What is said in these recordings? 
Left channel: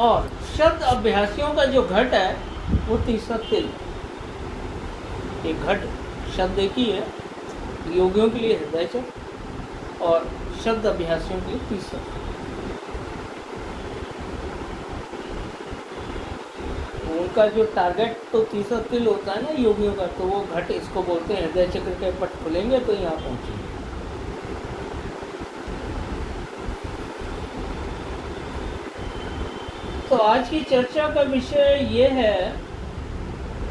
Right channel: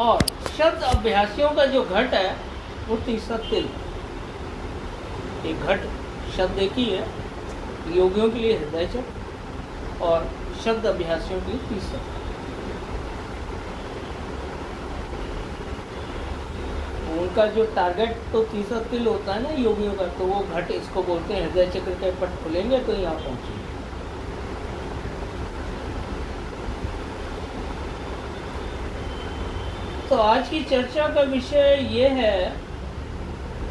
और शब्द अभ्यासियों का जो घट है वो तीसरा तिल। एक घट शब्द एक ही है, योगियों के लिए हृदय चक्र और शब्द अभ्यासियों के लिए तीसरा। उनका जो टारगेट तो तीसरा तिल होता है ना योगियों का, तो वो घट इसको बोलते हैं। हृदय चक्र के पट खुलेंगे तो यहाँ पहुंचेंगे। तो आज की चर्चा का विषय ये है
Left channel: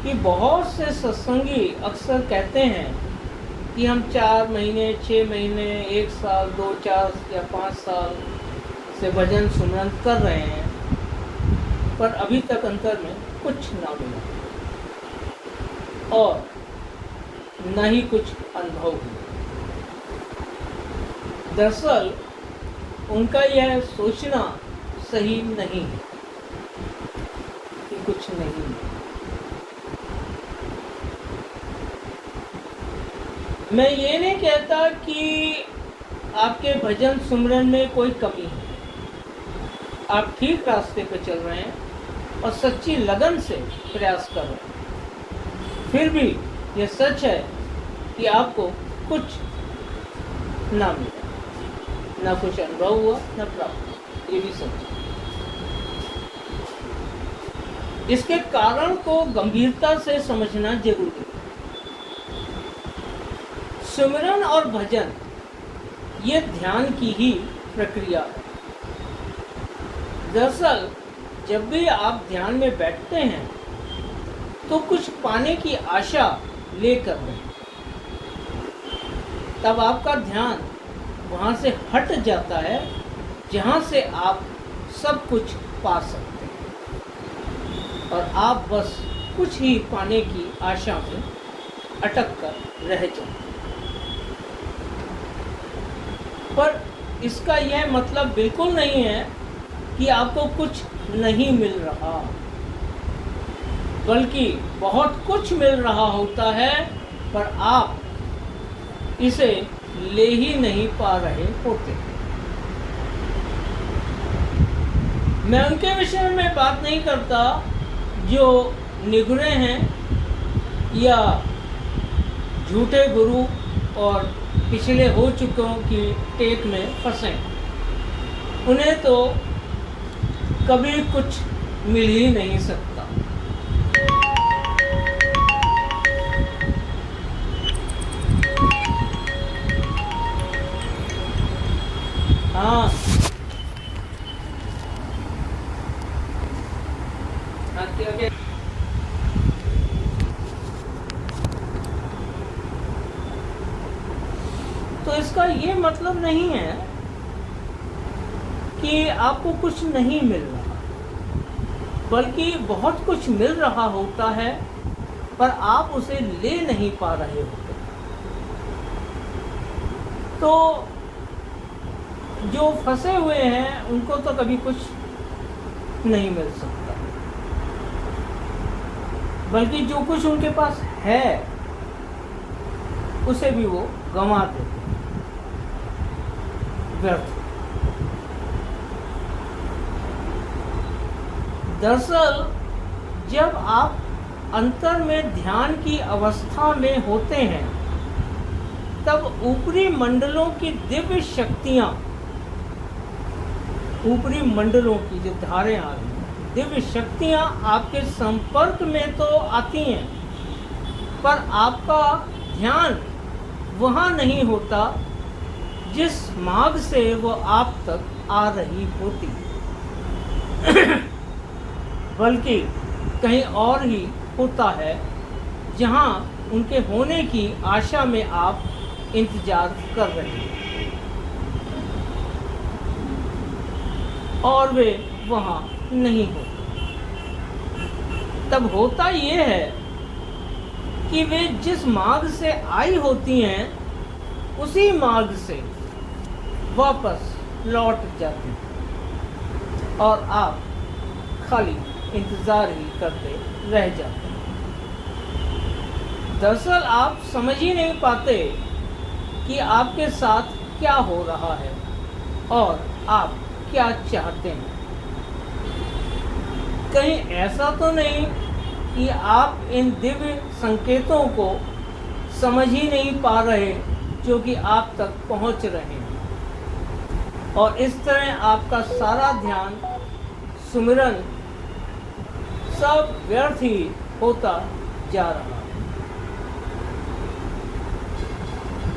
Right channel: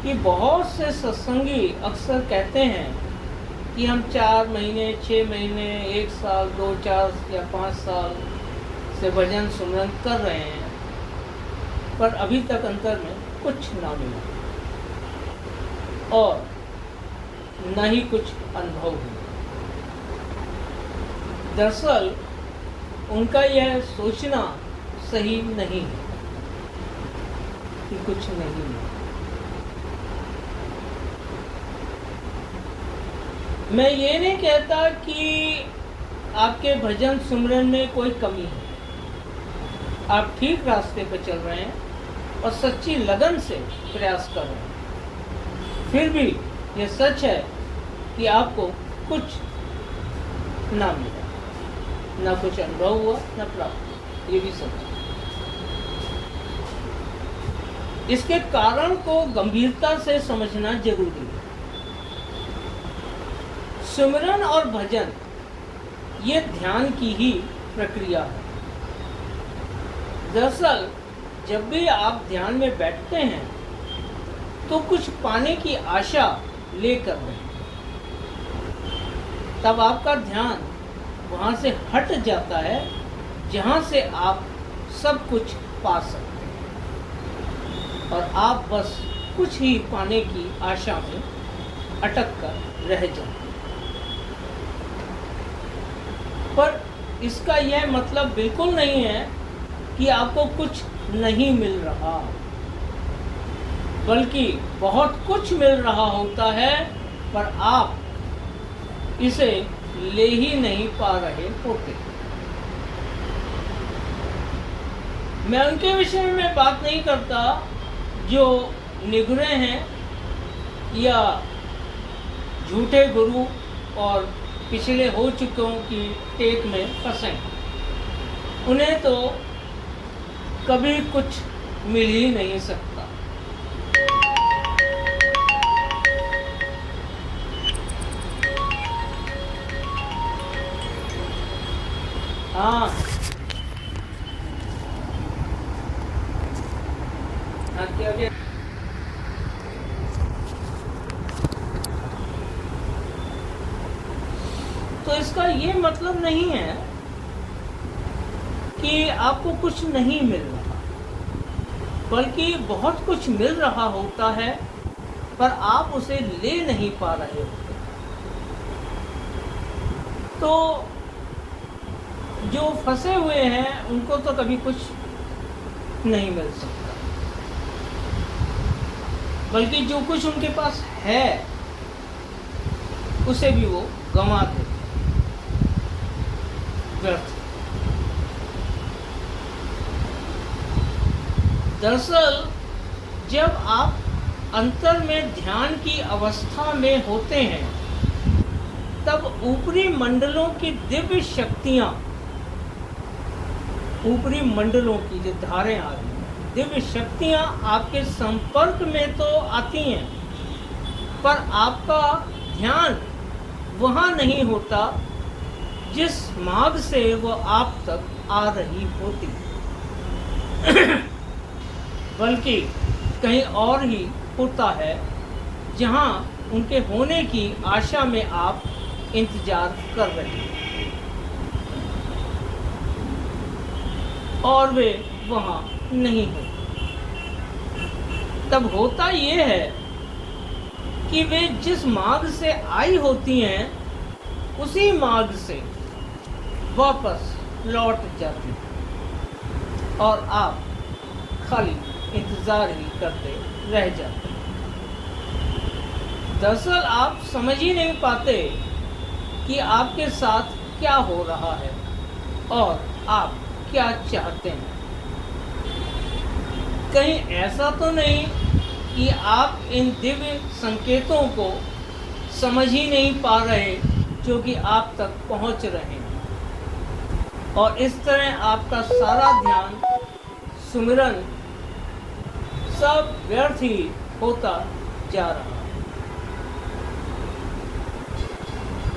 कि बहुत से सत्संगी अक्सर कहते हैं कि हम 4 महीने, 6 महीने, 1 साल, 2, 4 या 5 साल से भजन सुमरन कर रहे हैं, पर अभी तक अंतर में कुछ ना मिला और न ही कुछ अनुभव हुआ। दरअसल उनका यह सोचना सही नहीं है कि कुछ नहीं है। मैं ये नहीं कहता कि आपके भजन सुमरन में कोई कमी है। आप ठीक रास्ते पर चल रहे हैं और सच्ची लगन से प्रयास कर रहे हैं। फिर भी यह सच है कि आपको कुछ ना मिला, ना कुछ अनुभव हुआ, ना प्राप्त। ये भी सच है। इसके कारण को गंभीरता से समझना जरूरी है। सिमरन और भजन ये ध्यान की ही प्रक्रिया है। दरअसल जब भी आप ध्यान में बैठते हैं तो कुछ पाने की आशा लेकर बैठते हैं। तब आपका ध्यान वहां से हट जाता है जहां से आप सब कुछ पा सकते हैं और आप बस कुछ ही पाने की आशा में अटक कर रह जाते हैं। पर इसका यह मतलब बिल्कुल नहीं है कि आपको कुछ नहीं मिल रहा, बल्कि बहुत कुछ मिल रहा होता है, पर आप इसे ले ही नहीं पा रहे होते। मैं उनके विषय में बात नहीं करता जो निगुरे हैं या झूठे गुरु और पिछले हो चुकों की टेप में फंसे। उन्हें तो कभी कुछ मिल ही नहीं सकता। हाँ, क्या तो इसका ये मतलब नहीं है कि आपको कुछ नहीं मिल रहा, बल्कि बहुत कुछ मिल रहा होता है, पर आप उसे ले नहीं पा रहे होते। तो जो फंसे हुए हैं उनको तो कभी कुछ नहीं मिल सकता, बल्कि जो कुछ उनके पास है उसे भी वो गंवा देते हैं। दरअसल जब आप अंतर में ध्यान की अवस्था में होते हैं तब ऊपरी मंडलों की दिव्य शक्तियां, ऊपरी मंडलों की जो धारें आ रही हैं, दिव्य शक्तियां आपके संपर्क में तो आती हैं, पर आपका ध्यान वहां नहीं होता जिस मार्ग से वो आप तक आ रही होती, बल्कि कहीं और ही होता है जहां उनके होने की आशा में आप इंतजार कर रहे हैं और वे वहां नहीं होते। तब होता ये है कि वे जिस मार्ग से आई होती हैं उसी मार्ग से वापस लौट जाती हैं और आप खाली इंतजार ही करते रह जाते हैं। दरअसल आप समझ ही नहीं पाते कि आपके साथ क्या हो रहा है और आप क्या चाहते हैं। कहीं ऐसा तो नहीं कि आप इन दिव्य संकेतों को समझ ही नहीं पा रहे जो कि आप तक पहुंच रहे हैं, और इस तरह आपका सारा ध्यान, सुमिरन सब व्यर्थ ही होता जा रहा है।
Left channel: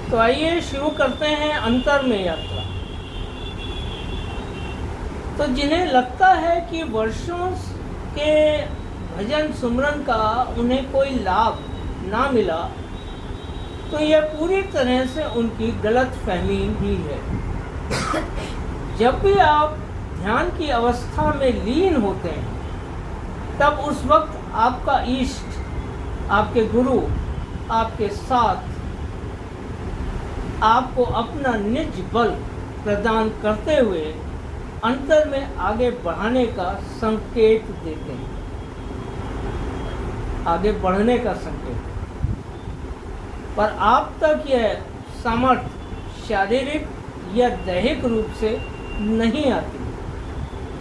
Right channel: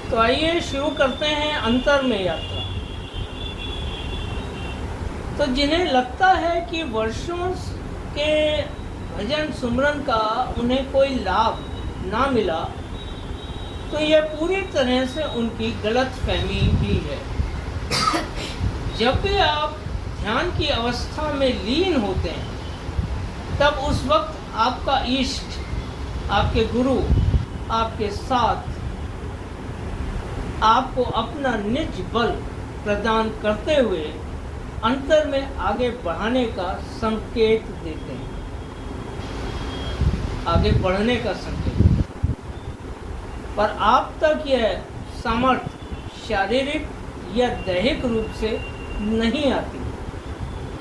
तो आइए शुरू करते हैं अंतर में यात्रा। तो जिन्हें लगता है कि वर्षों के भजन सुमरन का उन्हें कोई लाभ ना मिला, तो यह पूरी तरह से उनकी गलत फहमी ही है। जब भी आप ध्यान की अवस्था में लीन होते हैं, तब उस वक्त आपका इष्ट, आपके गुरु आपके साथ आपको अपना निज बल प्रदान करते हुए अंतर में आगे बढ़ाने का संकेत देते हैं, आगे बढ़ने का संकेत। पर आप तक यह सामर्थ्य शारीरिक या दैहिक रूप से नहीं आती,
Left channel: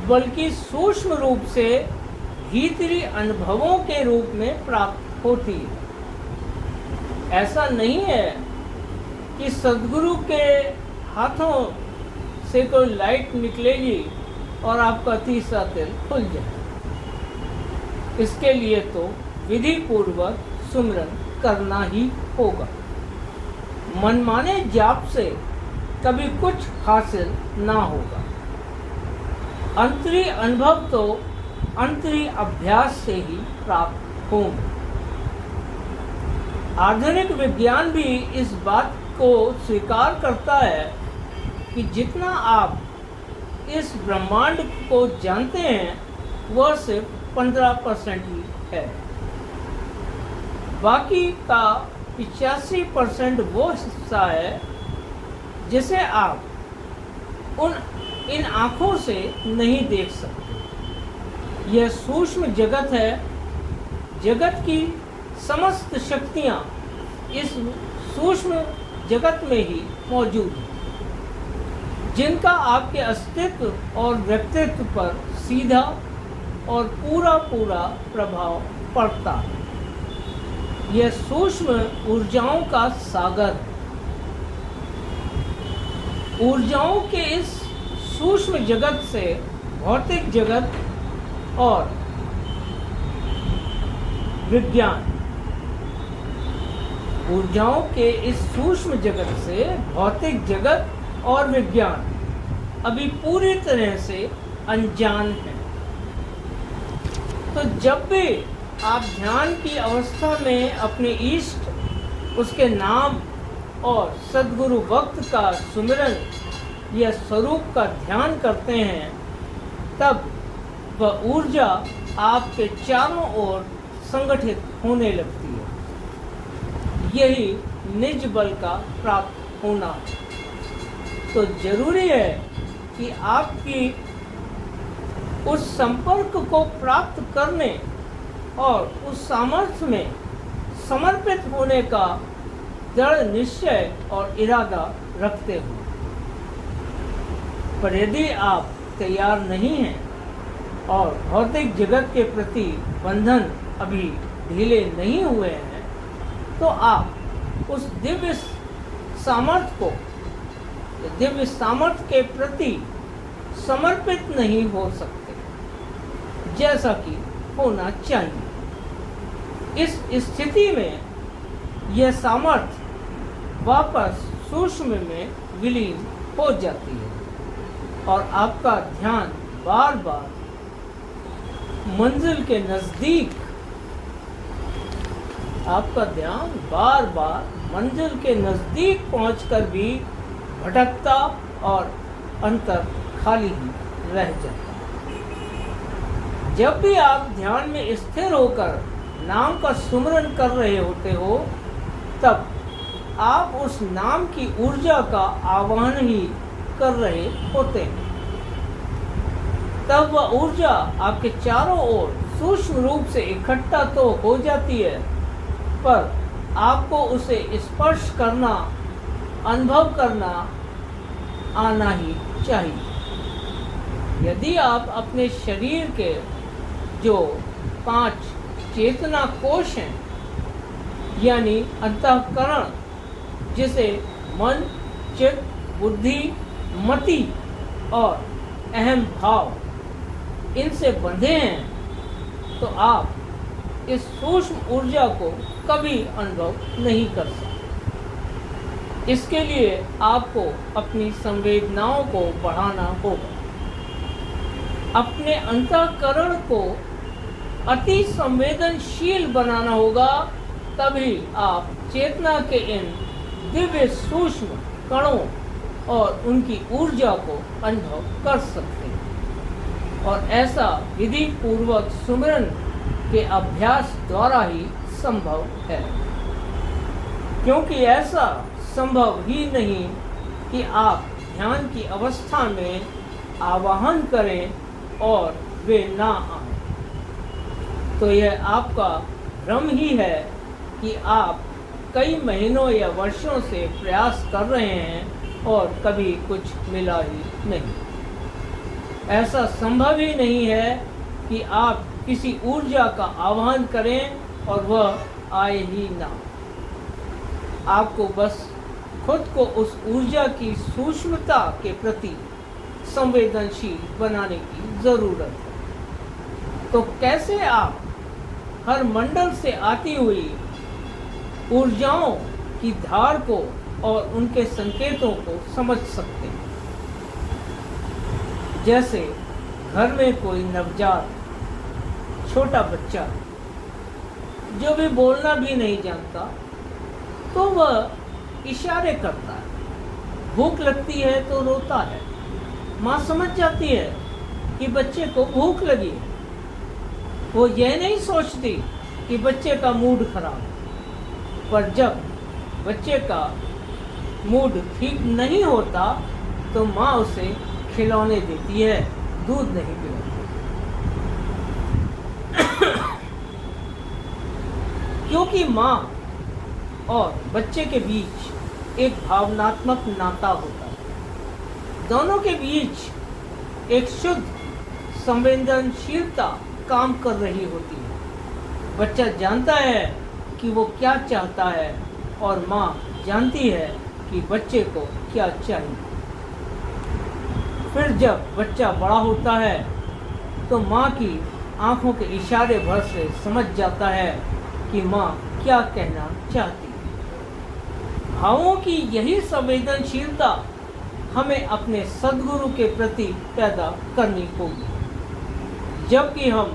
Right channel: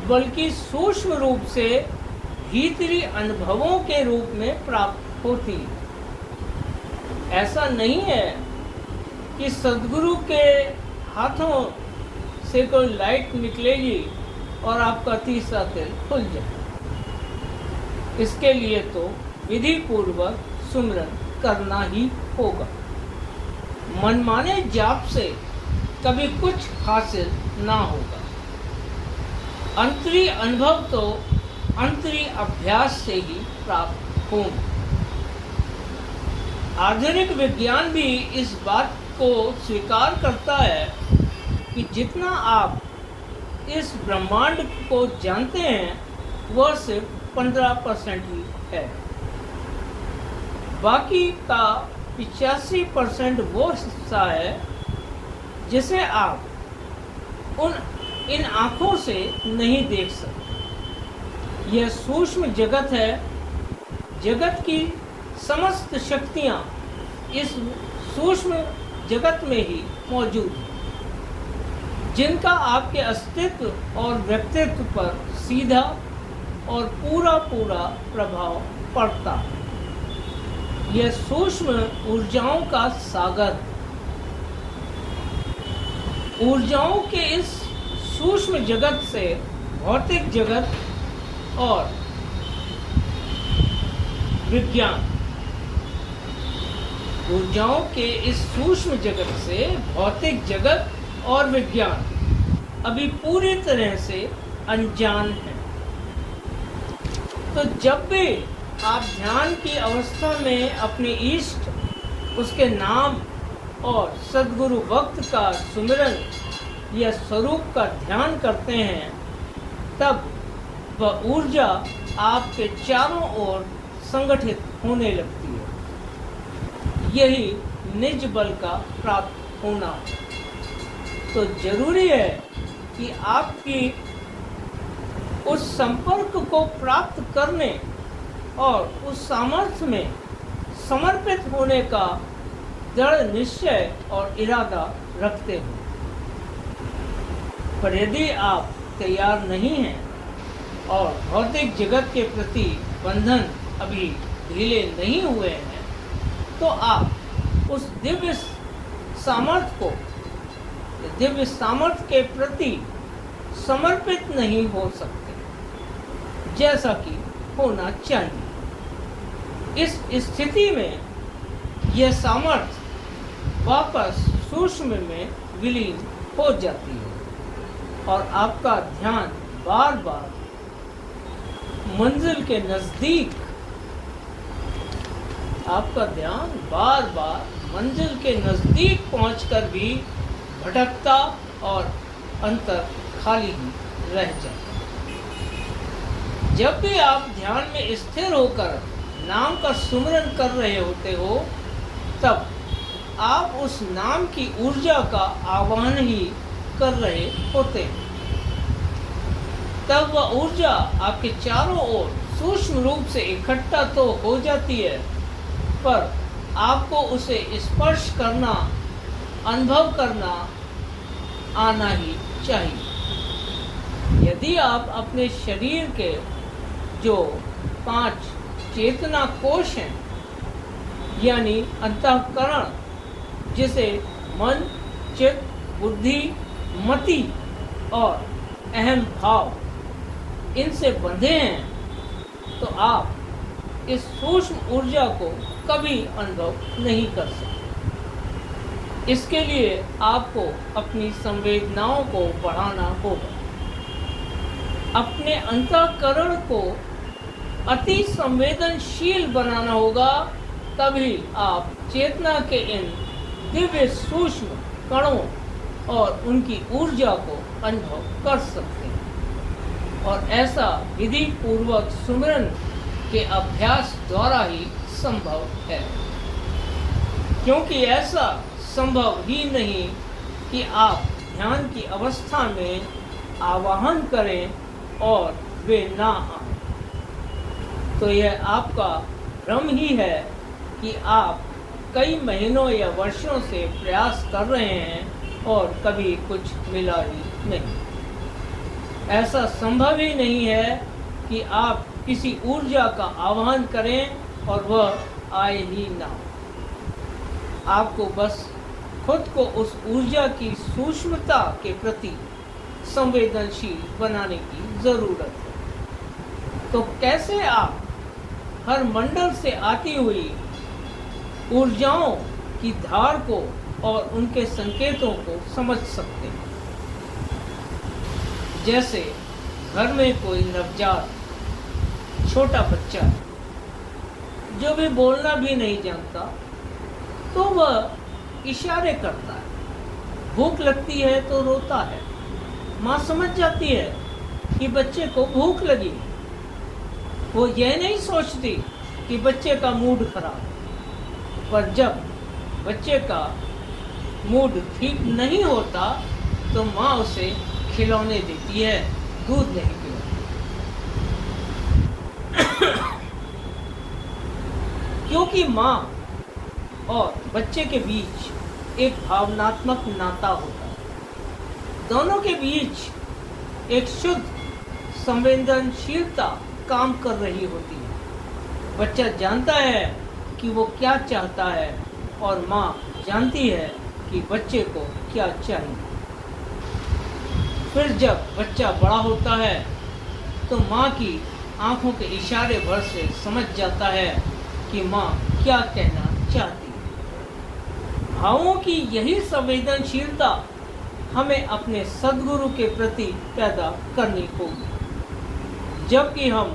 बल्कि सूक्ष्म रूप से भीतरी अनुभवों के रूप में प्राप्त होती है। ऐसा नहीं है कि सद्गुरु के हाथों से कोई लाइट निकलेगी और आपका तीसरा तिल खुल जाए। इसके लिए तो विधि पूर्वक सुमरन करना ही होगा। मनमाने जाप से कभी कुछ हासिल ना होगा। अंतरी अनुभव तो अंतरी अभ्यास से ही प्राप्त होंगे। आधुनिक विज्ञान भी इस बात को स्वीकार करता है कि जितना आप इस ब्रह्मांड को जानते हैं वह सिर्फ 15% ही है। बाकी का 85% वो हिस्सा है जिसे आप इन आँखों से नहीं देख सकते। यह सूक्ष्म जगत है। जगत की समस्त शक्तियाँ इस सूक्ष्म जगत में ही मौजूद हैं, जिनका आपके अस्तित्व और व्यक्तित्व पर सीधा और पूरा प्रभाव पड़ता है। यह सूक्ष्म ऊर्जाओं का सागर, ऊर्जाओं के इस सूक्ष्म जगत से भौतिक जगत और विज्ञान, ऊर्जाओं के इस सूक्ष्म जगत से भौतिक जगत और विज्ञान अभी पूरी तरह से अनजान है। तो जब भी आप ध्यान की अवस्था में अपने इष्ट, उसके नाम और सद्गुरु भक्त का सुमिरन या स्वरूप का ध्यान करते हैं, तब वह ऊर्जा आपके चारों ओर संगठित होने लगती है। यही निज बल का प्राप्त होना। तो जरूरी है कि आपकी उस संपर्क को प्राप्त करने और उस सामर्थ्य में समर्पित होने का दृढ़ निश्चय और इरादा रखते हैं। पर यदि आप तैयार नहीं हैं और भौतिक जगत के प्रति बंधन अभी ढीले नहीं हुए हैं, तो आप उस दिव्य सामर्थ्य के प्रति समर्पित नहीं हो सकते जैसा कि होना चाहिए। इस स्थिति में यह सामर्थ्य वापस सूक्ष्म में विलीन हो जाती है और आपका ध्यान बार बार मंजिल के नजदीक, आपका ध्यान बार बार मंजिल के नजदीक पहुंचकर भी भटकता और अंतर खाली ही रह जाता। जब भी आप ध्यान में स्थिर होकर नाम का सुमिरन कर रहे होते हो, तब आप उस नाम की ऊर्जा का आह्वान ही कर रहे होते हैं। तब वह ऊर्जा आपके चारों ओर सूक्ष्म रूप से इकट्ठा तो हो जाती है, पर आपको उसे स्पर्श करना, अनुभव करना आना ही चाहिए। यदि आप अपने शरीर के जो 5 चेतना कोश हैं, यानी अंतःकरण, जिसे मन, चित्त, बुद्धि, मति और अहम भाव इनसे बंधे हैं, तो आप इस सूक्ष्म ऊर्जा को कभी अनुभव नहीं कर सकते। इसके लिए आपको अपनी संवेदनाओं को बढ़ाना होगा, अपने अंतःकरण को अति संवेदनशील बनाना होगा। तभी आप चेतना के इन दिव्य सूक्ष्म कणों और उनकी ऊर्जा को अनुभव कर सकते हैं। और ऐसा विधि पूर्वक सुमिरन के अभ्यास द्वारा ही संभव है, क्योंकि ऐसा संभव ही नहीं कि आप ध्यान की अवस्था में आवाहन करें और वे ना आए। तो यह आपका भ्रम ही है कि आप कई महीनों या वर्षों से प्रयास कर रहे हैं और कभी कुछ मिला ही नहीं। ऐसा संभव ही नहीं है कि आप किसी ऊर्जा का आह्वान करें और वह आए ही ना। आपको बस खुद को उस ऊर्जा की सूक्ष्मता के प्रति संवेदनशील बनाने की जरूरत है। तो कैसे आप हर मंडल से आती हुई ऊर्जाओं की धार को और उनके संकेतों को समझ सकते हैं? जैसे घर में कोई नवजात छोटा बच्चा जो भी बोलना भी नहीं जानता, तो वह इशारे करता है। भूख लगती है तो रोता है। माँ समझ जाती है कि बच्चे को भूख लगी है। वो यह नहीं सोचती कि बच्चे का मूड खराब है। पर जब बच्चे का मूड ठीक नहीं होता तो माँ उसे खिलौने देती है, दूध नहीं पिलाती। क्योंकि माँ और बच्चे के बीच एक भावनात्मक नाता होता है। दोनों के बीच एक शुद्ध संवेदनशीलता काम कर रही होती है। बच्चा जानता है कि वो क्या चाहता है और माँ जानती है कि बच्चे को क्या चाहिए। फिर जब बच्चा बड़ा होता है तो माँ की आंखों के इशारे भर से समझ जाता है कि माँ क्या कहना चाहती है। भावों की यही संवेदनशीलता हमें अपने सद्गुरु के प्रति पैदा करनी होगी। जबकि हम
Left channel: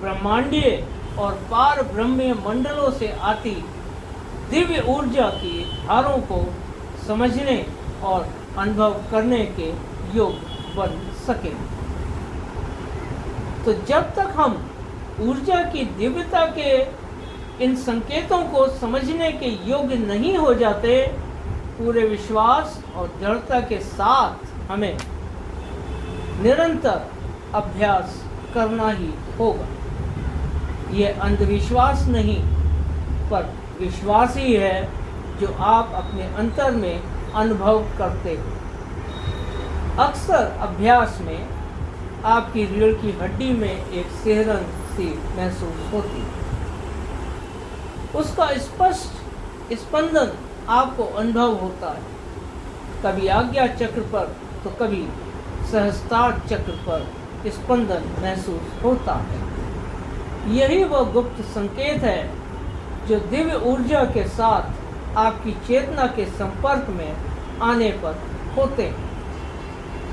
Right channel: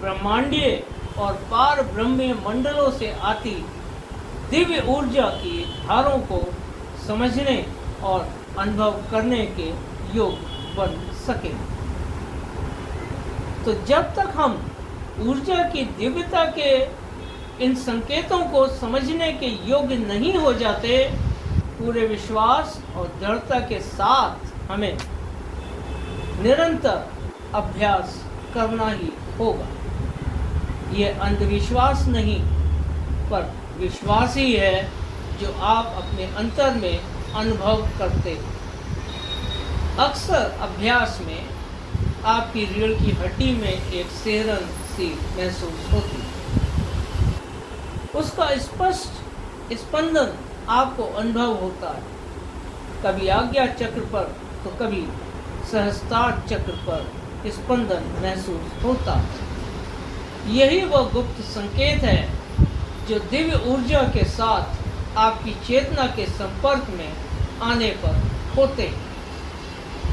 ब्रह्मांडीय और पार ब्रह्मीय मंडलों से आती दिव्य ऊर्जा की धारों को समझने और अनुभव करने के योग्य बन सकें। तो जब तक हम ऊर्जा की दिव्यता के इन संकेतों को समझने के योग्य नहीं हो जाते, पूरे विश्वास और दृढ़ता के साथ हमें निरंतर अभ्यास करना ही होगा। यह अंधविश्वास नहीं, पर विश्वास ही है जो आप अपने अंतर में अनुभव करते हो। अक्सर अभ्यास में आपकी रीढ़ की हड्डी में एक सिहरन सी महसूस होती है। उसका स्पष्ट स्पंदन आपको अनुभव होता है, कभी आज्ञा चक्र पर तो कभी सहस्त्रार चक्र पर स्पंदन महसूस होता है। यही वह गुप्त संकेत है जो दिव्य ऊर्जा के साथ आपकी चेतना के संपर्क में आने पर होते हैं।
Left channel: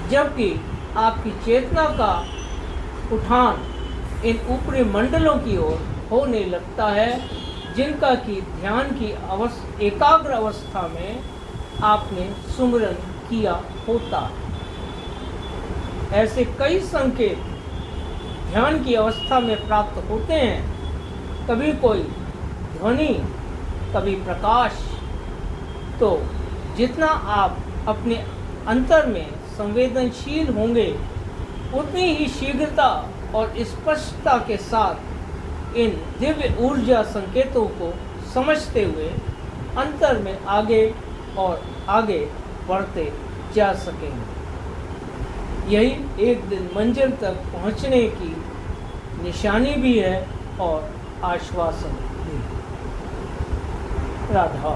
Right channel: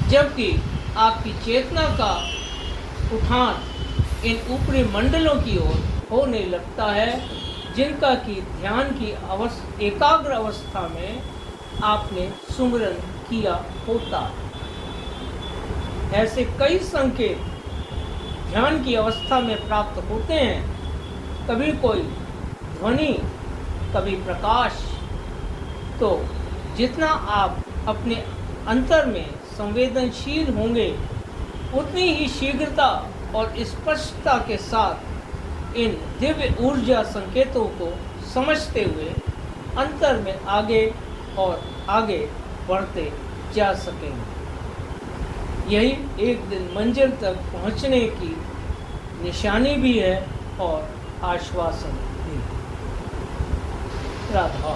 जबकि आपकी चेतना का उठान इन ऊपरी मंडलों की ओर होने लगता है, जिनका की ध्यान की एकाग्र अवस्था में आपने सुमिरन किया होता है। ऐसे कई संकेत ध्यान की अवस्था में प्राप्त होते हैं, कभी कोई ध्वनि, कभी प्रकाश। तो जितना आप अपने अंतर में संवेदनशील होंगे, उतनी ही शीघ्रता और स्पष्टता के साथ इन दिव्य ऊर्जा संकेतों को समझते हुए अंतर में आगे और आगे बढ़ते जा सकेंगे। यही एक दिन मंजिल तक पहुंचने की निशानी भी है और आश्वासन भी। राधा